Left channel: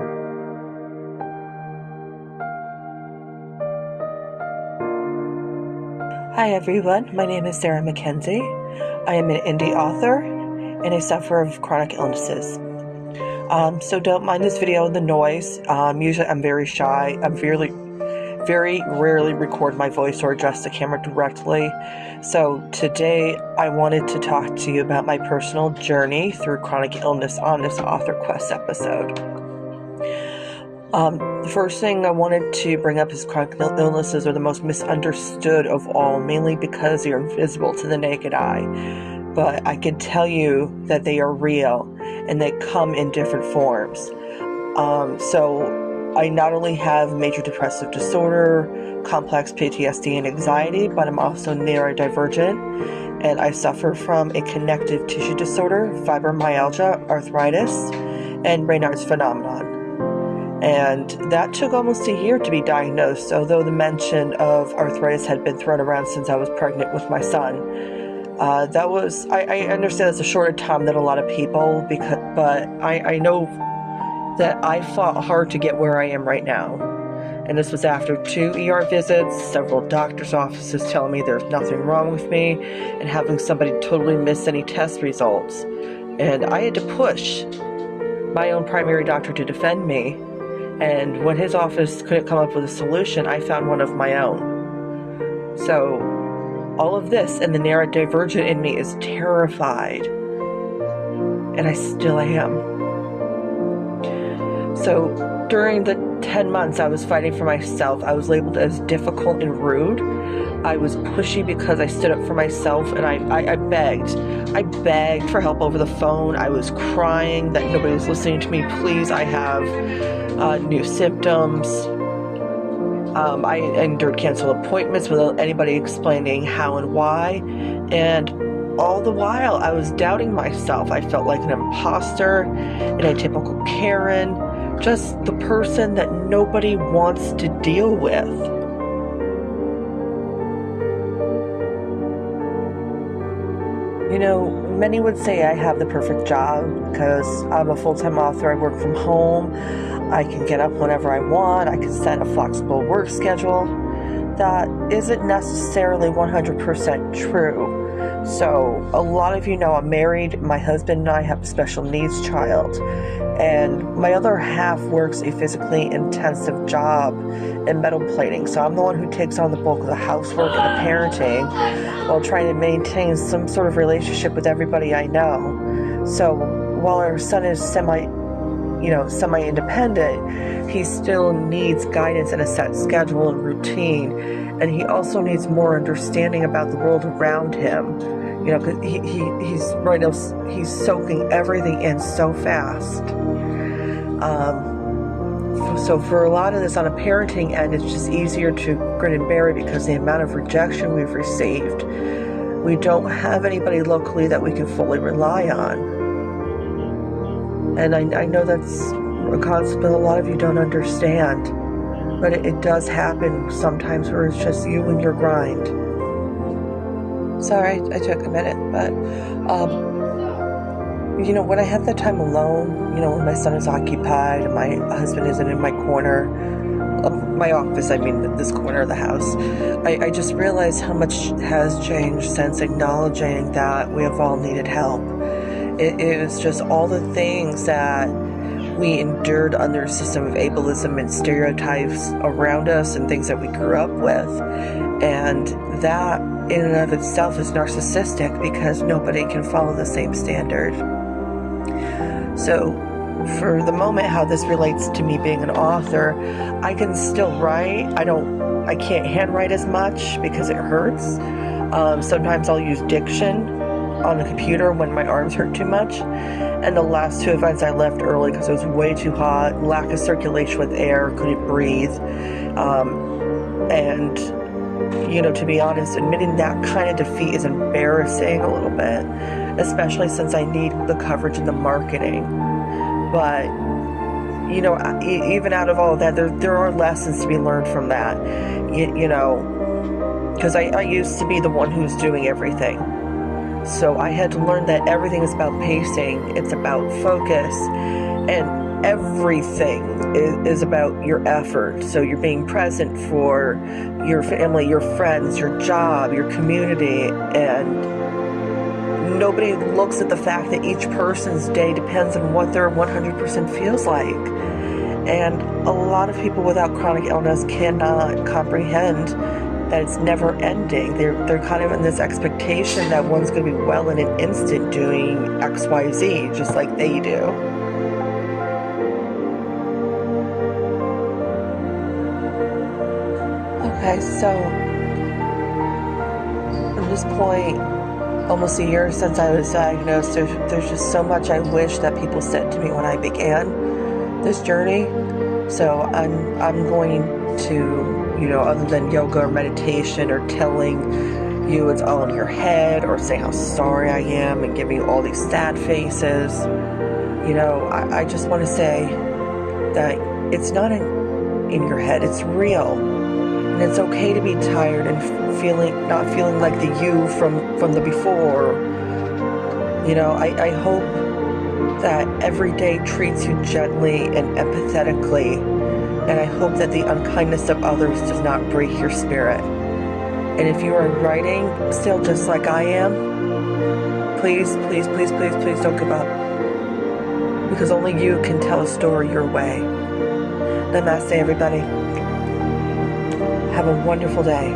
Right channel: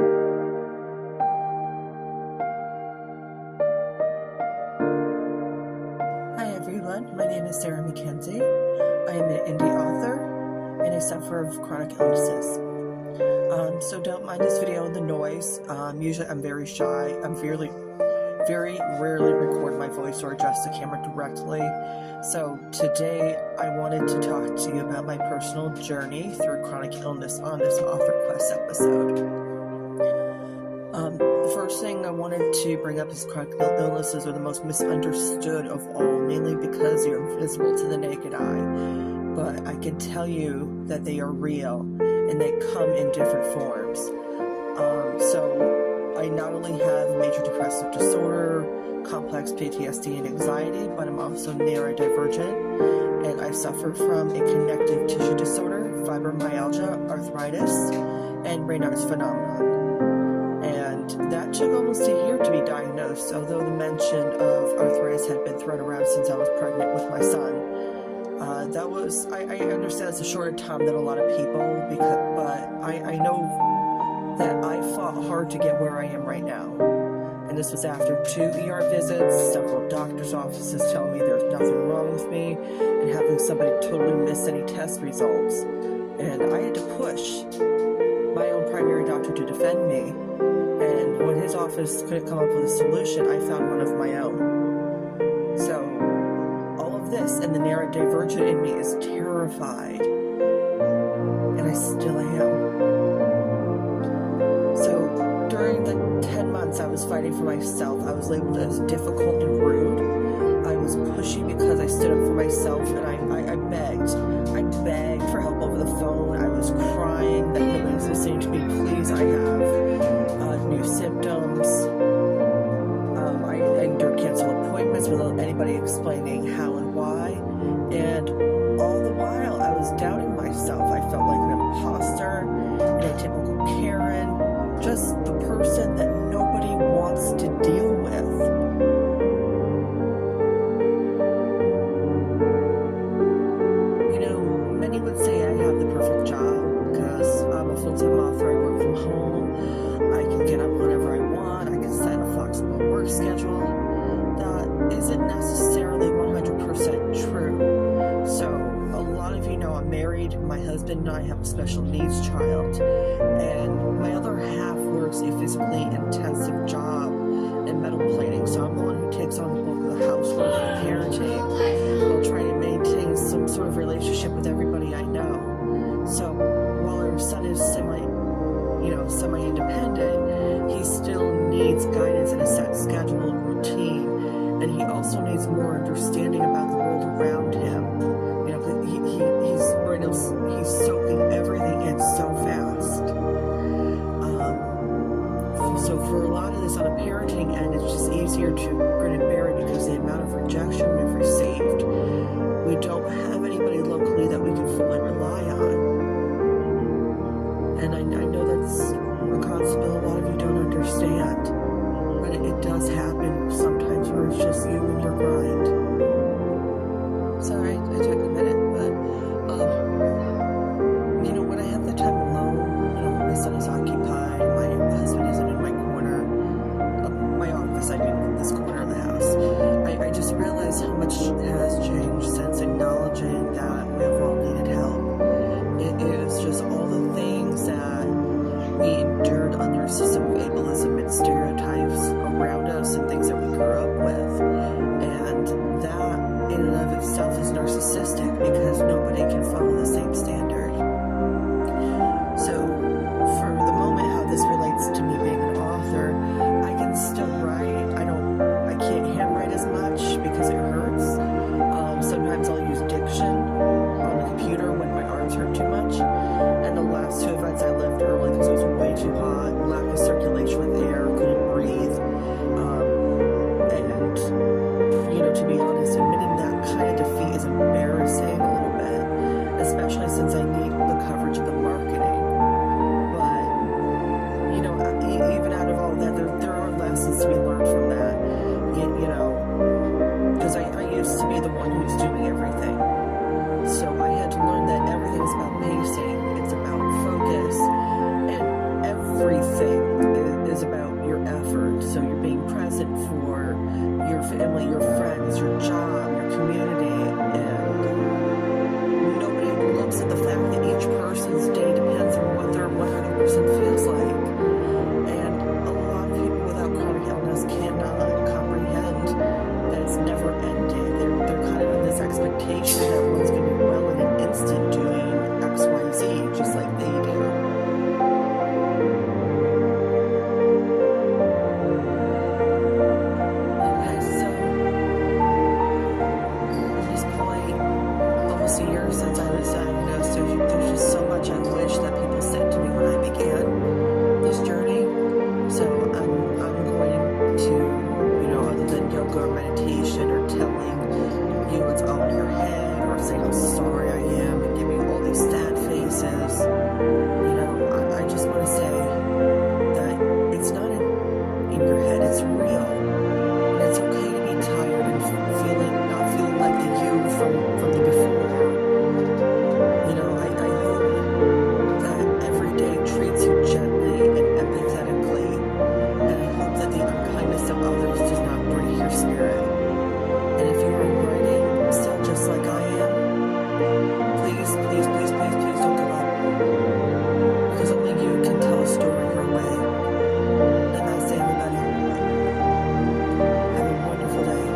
Hi everyone, my name is Sarah Mackenzie. I am an indie author and I suffer of chronic illnesses. So don't mind this video and the noise. Usually I'm very shy. I'm very rarely record my voice or address the camera directly. So today I wanted to talk to you about my personal journey through chronic illness on this Author Quest episode. The first thing I wanted to bring up is chronic illnesses are the most misunderstood of all, mainly because they're invisible to the naked eye. But I can tell you that they are real and they come in different forms. So I not only have major depressive disorder, complex PTSD and anxiety, but I'm also neurodivergent and I suffer from a connective tissue disorder, fibromyalgia, arthritis, and Raynaud's phenomenon. And that took almost a year to be diagnosed, although the mention of arthritis had been thrown around since I was pregnant with my son. I understand it's a shorter time than a lot of people, but I know that I fought hard to get where I am right now. And this was after 2 ER visits, several doctor's offices telling me there's nothing wrong with me, and having somebody totally miss any test results. And I had to push my own primary doctor to defend me. And when his office couldn't come up with a solution, I found one of my own. So all of this and the neurodivergent in me is terrified. And I still am. So during the 10 months I was fighting for myself, I was labeled as difficult and rude. I was pushy because I stood up for myself, and I begged. I begged for help over the phone. I was crying that nobody was listening to me. Please, I have new symptoms. I endured canceled appointments without anybody explaining how and why. And all the while, I was doubting myself. I felt like an imposter, an atypical Karen, just the person that nobody wants to deal with. You know, many would say I have the perfect job because I'm a full-time author. I work from home. I can get up whenever I want. I can set a flexible work schedule. That isn't necessarily 100% true. So a lot of you know I'm married. My husband and I have a special needs child. And my other half works a physically intensive job in metal plating. So I'm the one who takes on the bulk of the housework and the parenting while trying to maintain some sort of relationship with everybody I know. So while our son is semi-independent, he still needs guidance and a set schedule and routine. And he also needs more understanding about the world around him. You know, 'cause he's right now, he's soaking everything in so fast. So for a lot of this on a parenting end, it's just easier to grin and bear it because the amount of rejection we've received. We don't have anybody locally that we can fully rely on. And I know that's a concept that a lot of you don't understand. But it does happen sometimes where it's just you and your grind. Sorry, I took a minute, but, when I have that time alone, when my son is occupied and my husband isn't in my corner, my office, this corner of the house, I just realize how much has changed since acknowledging that we have all needed help. It is just all the things that we endured under a system of ableism and stereotypes around us and things that we grew up with. And that in and of itself is narcissistic because nobody can follow the same standard. So for the moment, how this relates to me being an author, I can still write. I can't handwrite as much because it hurts. Sometimes I'll use diction on the computer when my arms hurt too much. And the last 2 events I left early because it was way too hot, lack of circulation with air, couldn't breathe. And to be honest, admitting that kind of defeat is embarrassing a little bit, especially since I need the coverage and the marketing. But, even out of all of that, there are lessons to be learned from that, because I used to be the one who was doing everything. So I had to learn that everything is about pacing, it's about focus, and everything is about your effort. So you're being present for your family, your friends, your job, your community, and nobody looks at the fact that each person's day depends on what their 100% feels like. And a lot of people without chronic illness cannot comprehend that it's never ending. They're kind of in this expectation that one's going to be well in an instant doing XYZ, just like they do. Okay, so at this point, almost a year since I was diagnosed, there's just so much I wish that people said to me when I began this journey. So I'm going to, other than yoga or meditation or telling you it's all in your head or saying how sorry I am and giving all these sad faces, I just want to say that it's not in your head, it's real. And it's okay to be tired and not feeling like the you from the before. I hope that every day treats you gently and empathetically, and I hope that the unkindness of others does not break your spirit. And if you are writing still just like I am, please, please, please, please, please don't give up, because only you can tell a story your way. Namaste, everybody. Have a wonderful day.